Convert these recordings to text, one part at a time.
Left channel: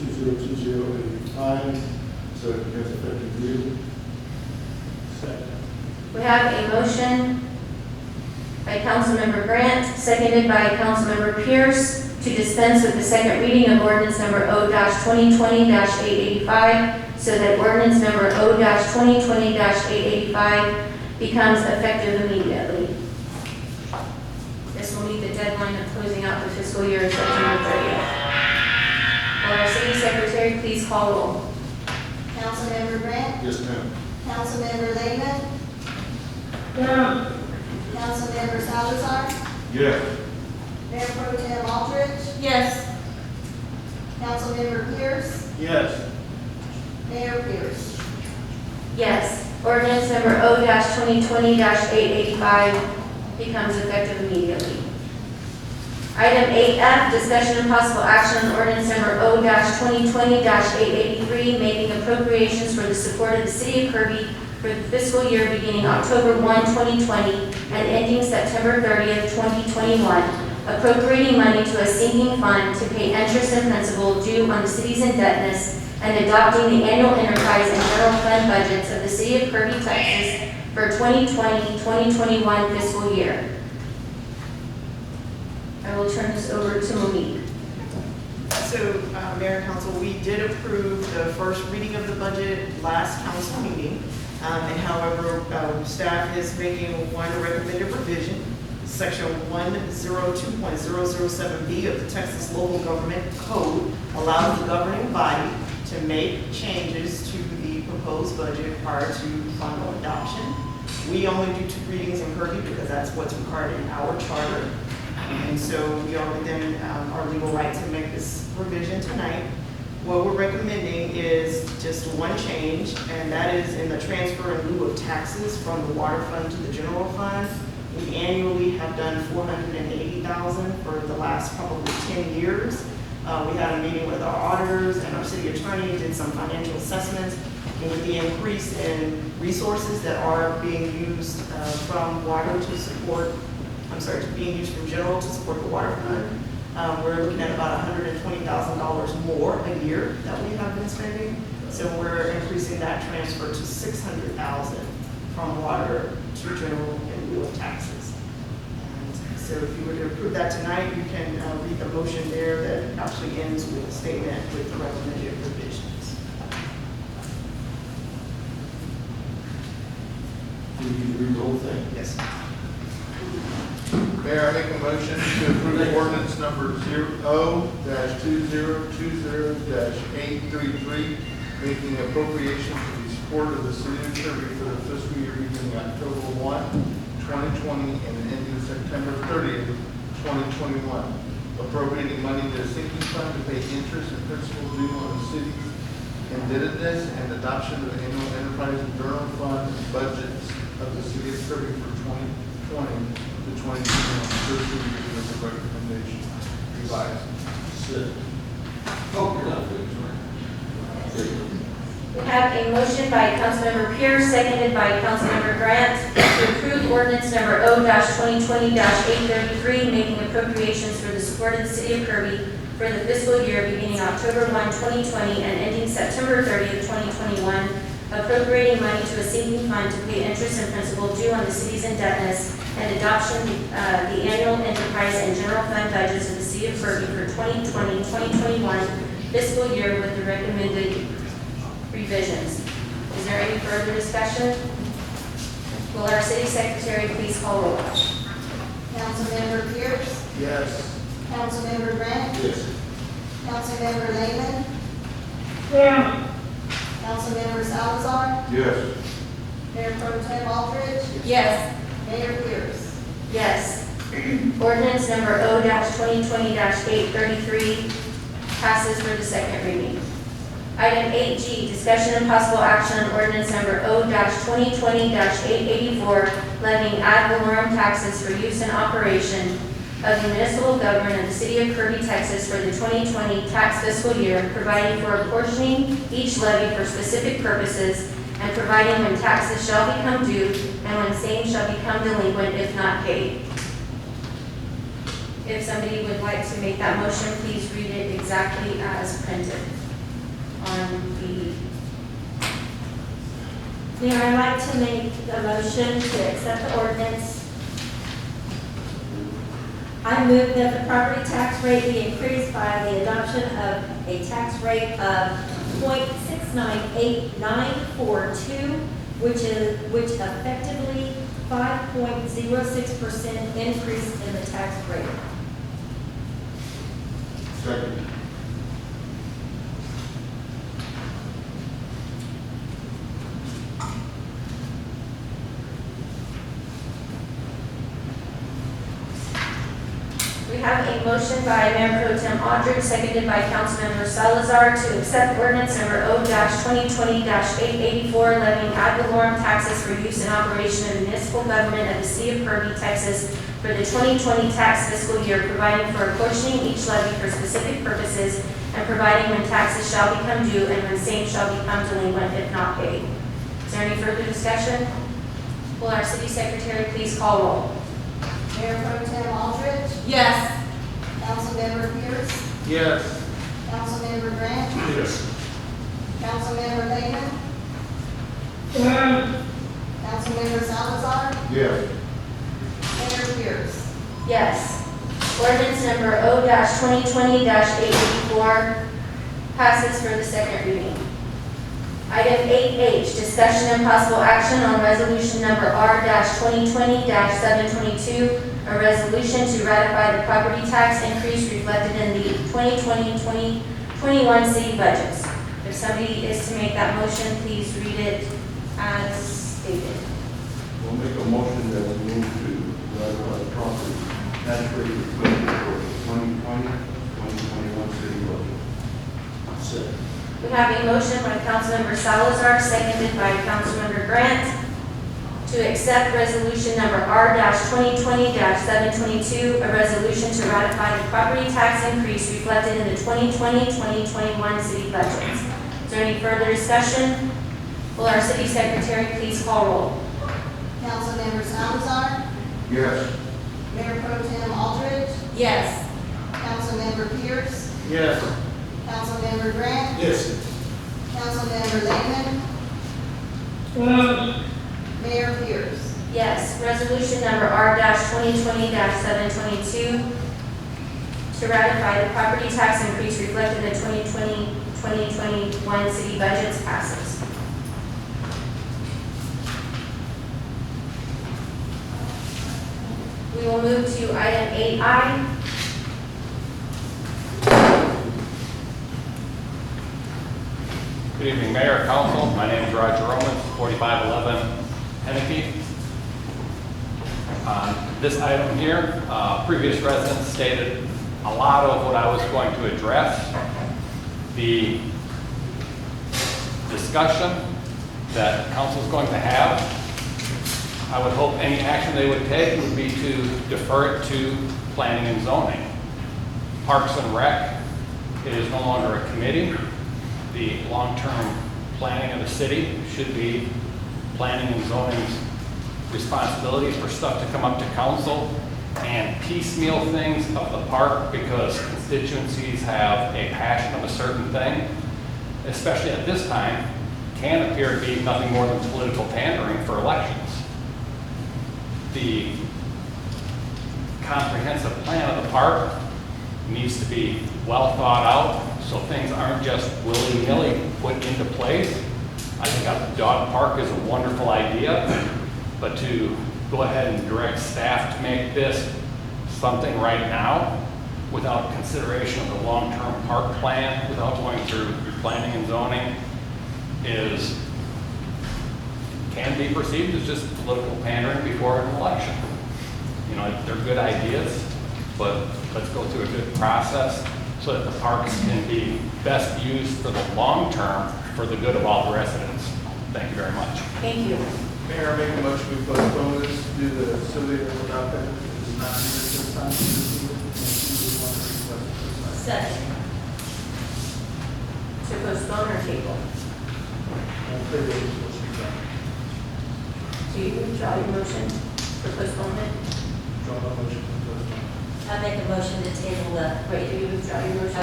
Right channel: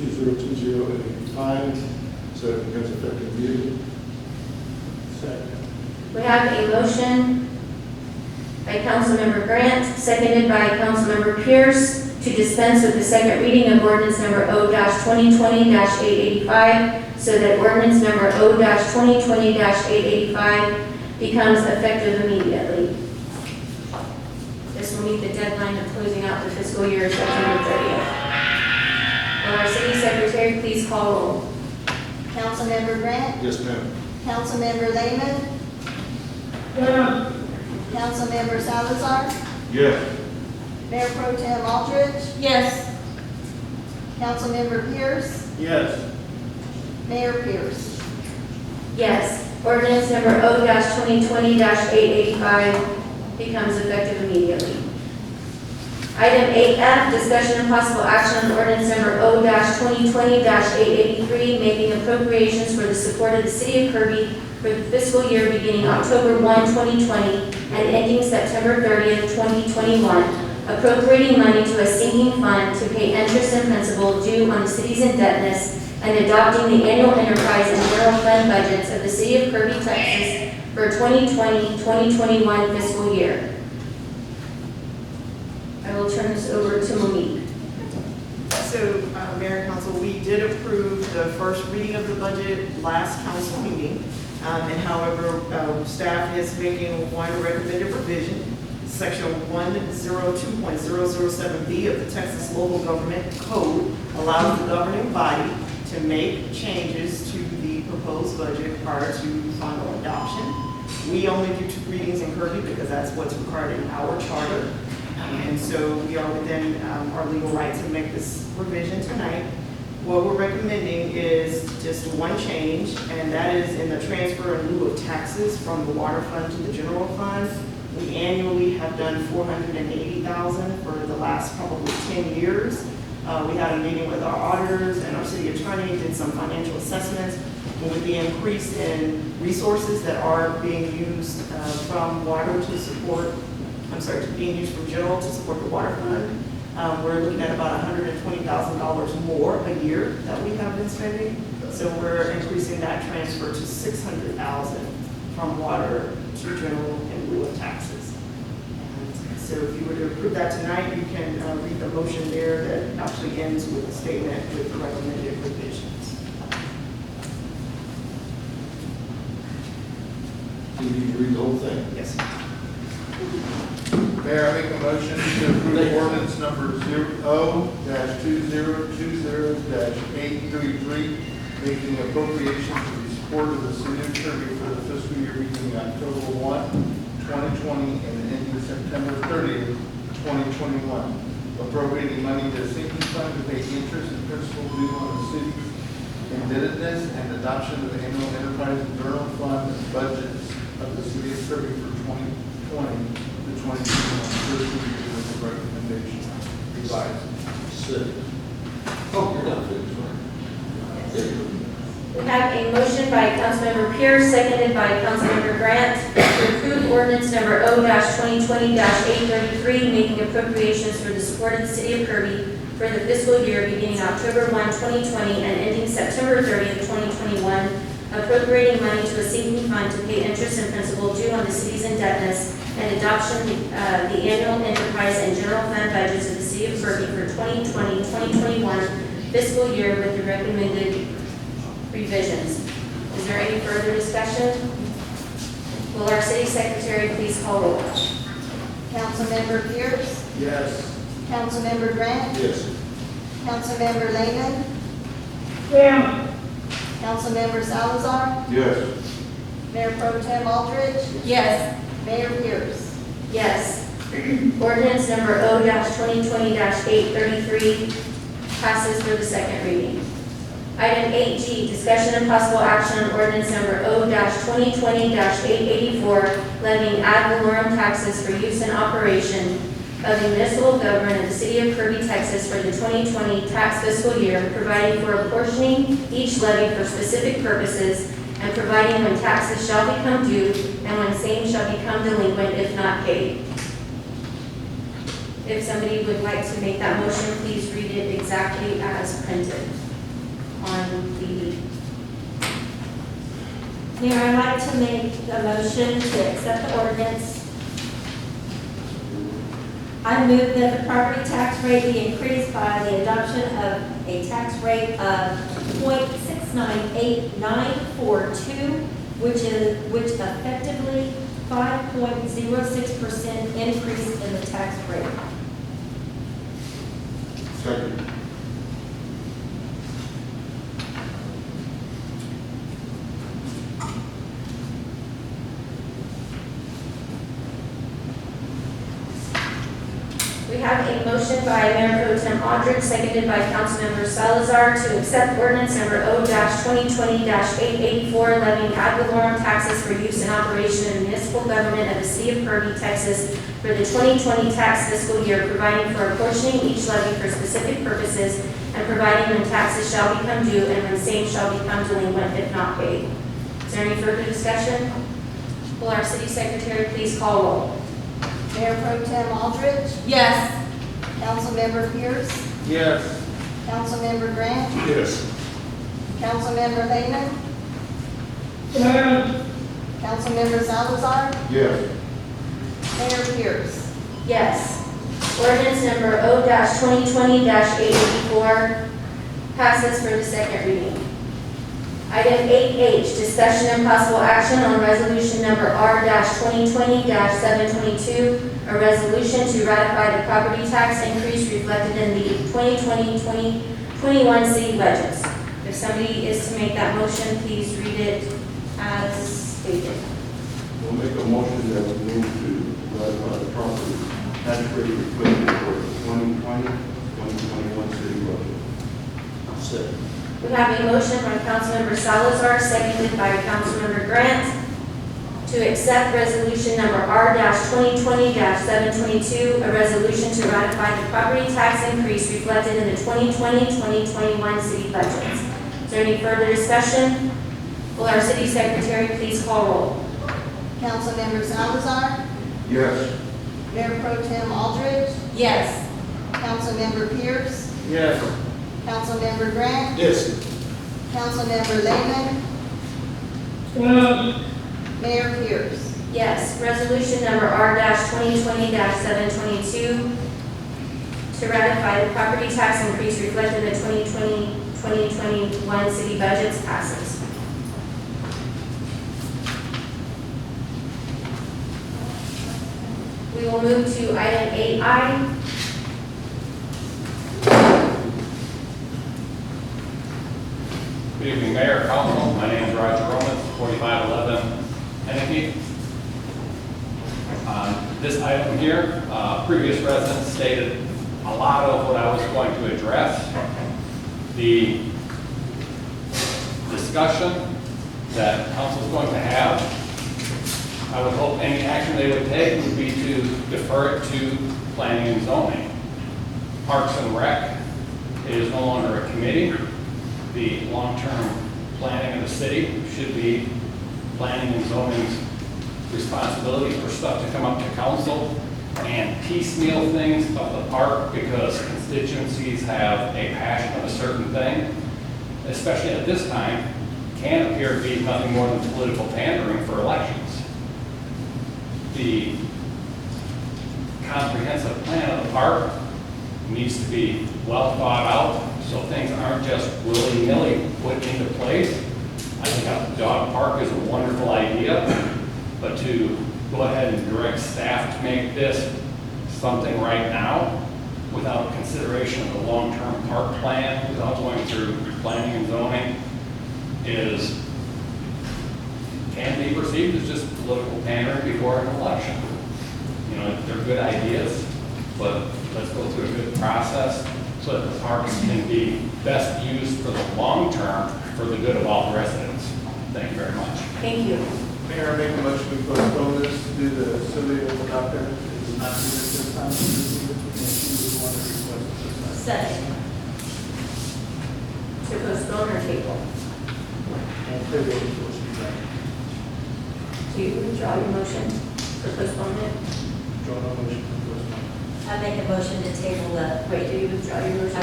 2020-8085, so it becomes effective immediately. Second. We have a motion by Councilmember Grant, seconded by Councilmember Pierce, to dispense with the second reading of ordinance number O-2020-885, so that ordinance number O-2020-885 becomes effective immediately. This will meet the deadline of closing out the fiscal year September 30th. Will our city secretary please call roll? Councilmember Grant, Yes, ma'am. Councilmember Lehman, Yeah. Councilmember Salazar, Yes. Mayor Pro Tem Aldridge, Yes. Councilmember Pierce, Yes. Mayor Pierce. Yes. Ordinance number O-2020-885 becomes effective immediately. Item 8F, discussion and possible action on ordinance number O-2020-883, making appropriations for the support of the city of Kirby for the fiscal year beginning October 1, 2020 and ending September 30th, 2021, appropriating money to a sinking fund to pay interest and principal due on the city's indebtedness, and adopting the annual enterprise and general fund budgets of the city of Kirby, Texas for 2020-2021 fiscal year. I will turn this over to Monique. So, Mayor and Council, we did approve the first reading of the budget last council meeting. And however, staff is making one recommended revision. Section 102.007B of the Texas Local Government Code allows the governing body to make changes to the proposed budget prior to final adoption. We only do 2 readings in Kirby because that's what's required in our charter. And so we are within our legal right to make this revision tonight. What we're recommending is just one change, and that is in the transfer in lieu of taxes from the water fund to the general fund. We annually have done $480,000 for the last probably 10 years. We had a meeting with our auditors and our city attorney, did some financial assessments, and with the increase in resources that are being used from water to support, being used from general to support the water fund, we're looking at about $120,000 more a year that we have been spending. So we're increasing that transfer to $600,000 from water to general in lieu of taxes. And so if you were to approve that tonight, you can read the motion there that actually ends with a statement with the recommended revisions. Do you need to read the whole thing? Yes. Mayor, I make a motion to approve ordinance number O-2020-833, making appropriation to the support of the city of Kirby for the fiscal year beginning October 1, 2020 and ending September 30th, 2021. Appropriating money to a sinking fund to pay interest and principal due on the city's indebtedness, and adoption of the annual enterprise and general fund budgets of the city of Kirby for 2020 to 2021 fiscal year with the recommendation revised. Second. Oh, you're not finished, right? We have a motion by Councilmember Pierce, seconded by Councilmember Grant, to approve ordinance number O-2020-833, making appropriations for the support of the city of Kirby for the fiscal year beginning October 1, 2020 and ending September 30th, 2021, appropriating money to a sinking fund to pay interest and principal due on the city's indebtedness, and adoption the annual enterprise and general fund budgets of the city of Kirby for 2020-2021 fiscal year with the recommended revisions. Is there any further discussion? Will our city secretary please call roll? Councilmember Pierce, Yes. Councilmember Grant, Yes. Councilmember Lehman, Yeah. Councilmember Salazar, Yes. Mayor Pro Tem Aldridge, Yes. Mayor Pierce. Yes. Ordinance number O-2020-833 passes for the second reading. Item 8G, discussion and possible action on ordinance number O-2020-884, levying ad valorem taxes for use and operation of the municipal government of the city of Kirby, Texas for the 2020 tax fiscal year, providing for apportioning each levy for specific purposes, and providing when taxes shall become due and when same shall become delinquent if not paid. If somebody would like to make that motion, please read it exactly as printed. on the. Mayor, I'd like to make a motion to accept the ordinance. I move that the property tax rate be increased by the adoption of a tax rate of 0.698942, which effectively 5.06% increase in the tax rate. Second. We have a motion by Mayor Pro Tem Aldridge, seconded by Councilmember Salazar, to accept ordinance number O-2020-884, levying ad valorem taxes for use in operation of the municipal government of the city of Kirby, Texas, for the 2020 tax fiscal year, providing for apportioning each levy for specific purposes, and providing when taxes shall become due and when same shall become delinquent if not paid. Is there any further discussion? Will our city secretary please call roll? Mayor Pro Tem Aldridge, Yes. Councilmember Pierce, Yes. Councilmember Grant, Yes. Councilmember Lehman, Councilmember Salazar, Yes. Mayor Pierce. Yes. Ordinance number O-2020-884 passes for the second reading. Item 8H, discussion and possible action on resolution number R-2020-722, a resolution to ratify the property tax increase reflected in the 2020-2021 city budgets. If somebody is to make that motion, please read it as stated. We'll make a motion that we move to ratify the property tax rate reflected for the 2020-2021 city budget. Second. We have a motion by Councilmember Salazar, seconded by Councilmember Grant, to accept resolution number R-2020-722, a resolution to ratify the property tax increase reflected in the 2020-2021 city budgets. Is there any further discussion? Will our city secretary please call roll? Councilmember Salazar, Yes. Mayor Pro Tem Aldridge, Yes. Councilmember Pierce, Yes. Councilmember Grant, Yes. Councilmember Lehman, Mayor Pierce. Yes. Resolution number R-2020-722, to ratify the property tax increase reflected in the 2020-2021 city budgets passes. We will move to item 8I. Good evening, Mayor, Council. My name is Roger Romans, 4511 Henneke. This item here, previous residents stated a lot of what I was going to address. The discussion that Council is going to have, I would hope any action they would take would be to defer it to planning and zoning. Parks and Rec is no longer a committee. The long-term planning of the city should be planning and zoning's responsibility for stuff to come up to council and piecemeal things of the park because constituencies have a passion of a certain thing, especially at this time, can appear to be nothing more than political pandering for elections. The comprehensive plan of the park needs to be well thought out so things aren't just willy-nilly put into place. I think a dog park is a wonderful idea, but to go ahead and direct staff to make this something right now without consideration of the long-term park plan, without going through planning and zoning, can be perceived as just political pandering before an election. You know, they're good ideas, but let's go through a good process so that the parks can be best used for the long term for the good of all the residents. Thank you very much. Thank you. Mayor, I make a motion we postpone this due to Sylvia without that. It is not needed this time. It is needed, and she would want to request it this time. Second. To postpone or table? And table is what she's done. Do you withdraw your motion for postponement? Draw a motion to postpone. I make a motion to table the, Wait, do you withdraw your motion? I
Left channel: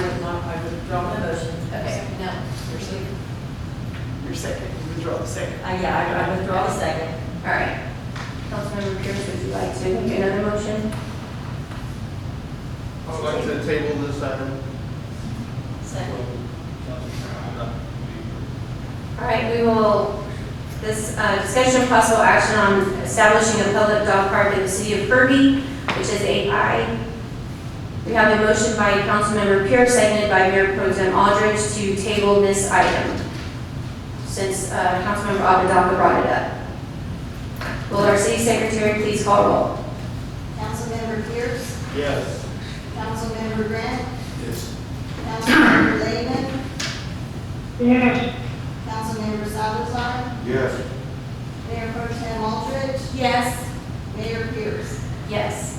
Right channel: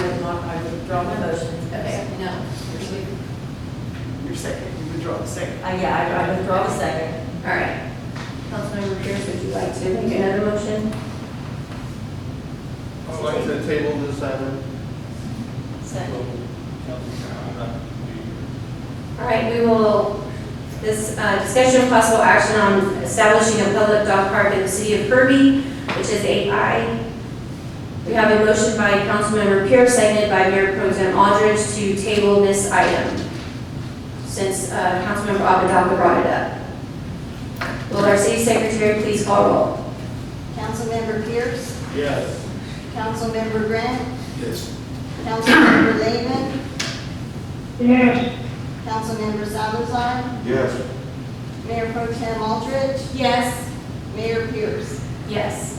would withdraw my motion. Okay. No, second, you withdraw the second. Yeah, I withdraw the second. All right. Councilmember Pierce, would you like to make another motion? I'd like to table this item. Second. All right, we will, this discussion of possible action on establishing a public dog park in the city of Kirby, which is 8I. We have a motion by Councilmember Pierce, seconded by Mayor Pro Tem Aldridge to table this item, since Councilmember Abendaca brought it up. Will our city secretary please call roll? Councilmember Pierce, Yes. Councilmember Grant, Yes. Councilmember Lehman, yes, Councilmember Salazar, Yes. Mayor Pro Tem Aldridge, Yes. Mayor Pierce. Yes.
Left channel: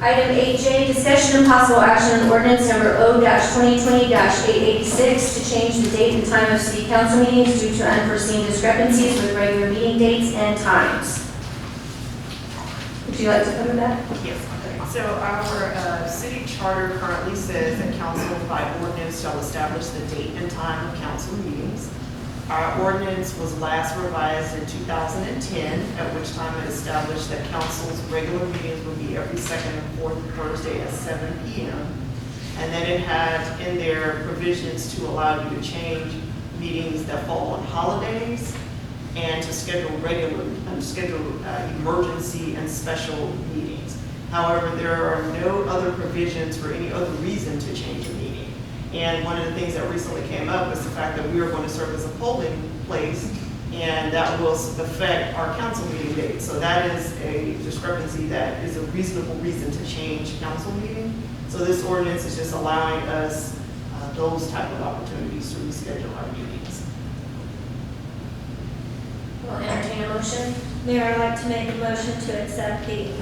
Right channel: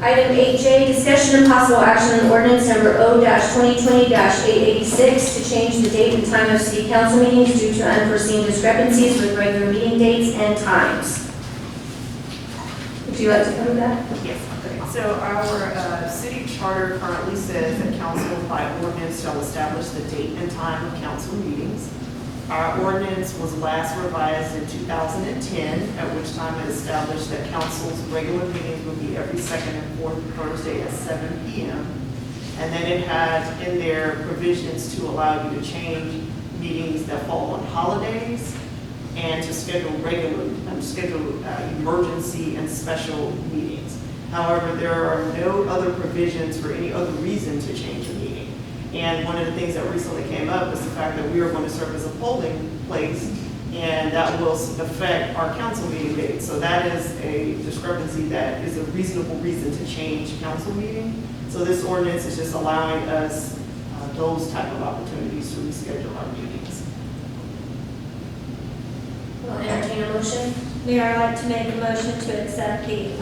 Item 8J, discussion and possible action on ordinance number O-2020-886 to change the date and time of city council meetings due to unforeseen discrepancies with regular meeting dates and times. Would you like to cover that? Yes. So our city charter currently says that council by ordinance shall establish the date and time of council meetings. Our ordinance was last revised in 2010, at which time it established that council's regular meetings would be every second and fourth Thursday at 7 p.m. And then it had in there provisions to allow you to change meetings that fall on holidays and to schedule emergency and special meetings. However, there are no other provisions for any other reason to change a meeting. And one of the things that recently came up is the fact that we are going to serve as a polling place, and that will affect our council meeting dates. So that is a discrepancy that is a reasonable reason to change council meeting. So this ordinance is just allowing us those type of opportunities to reschedule our meetings. Will entertain a motion? Mayor, I'd like to make a motion to accept the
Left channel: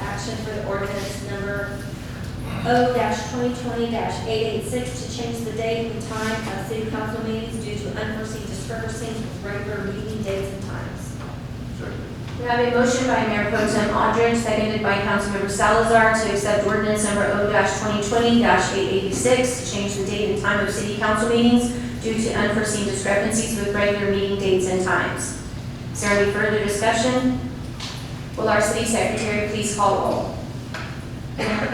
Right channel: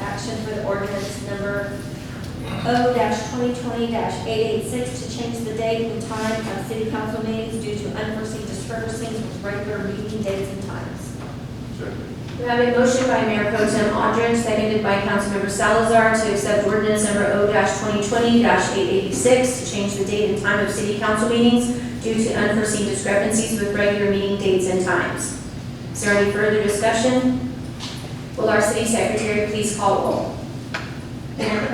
action for the ordinance number O-2020-886 to change the date and time of city council meetings due to unforeseen discrepancies with regular meeting dates and times. Second. We have a motion by Mayor Pro Tem Aldridge, seconded by Councilmember Salazar to accept ordinance number O-2020-886 to change the date and time of city council meetings due to unforeseen discrepancies with regular meeting dates and times. Is there any further discussion? Will our city secretary please call roll? Councilmember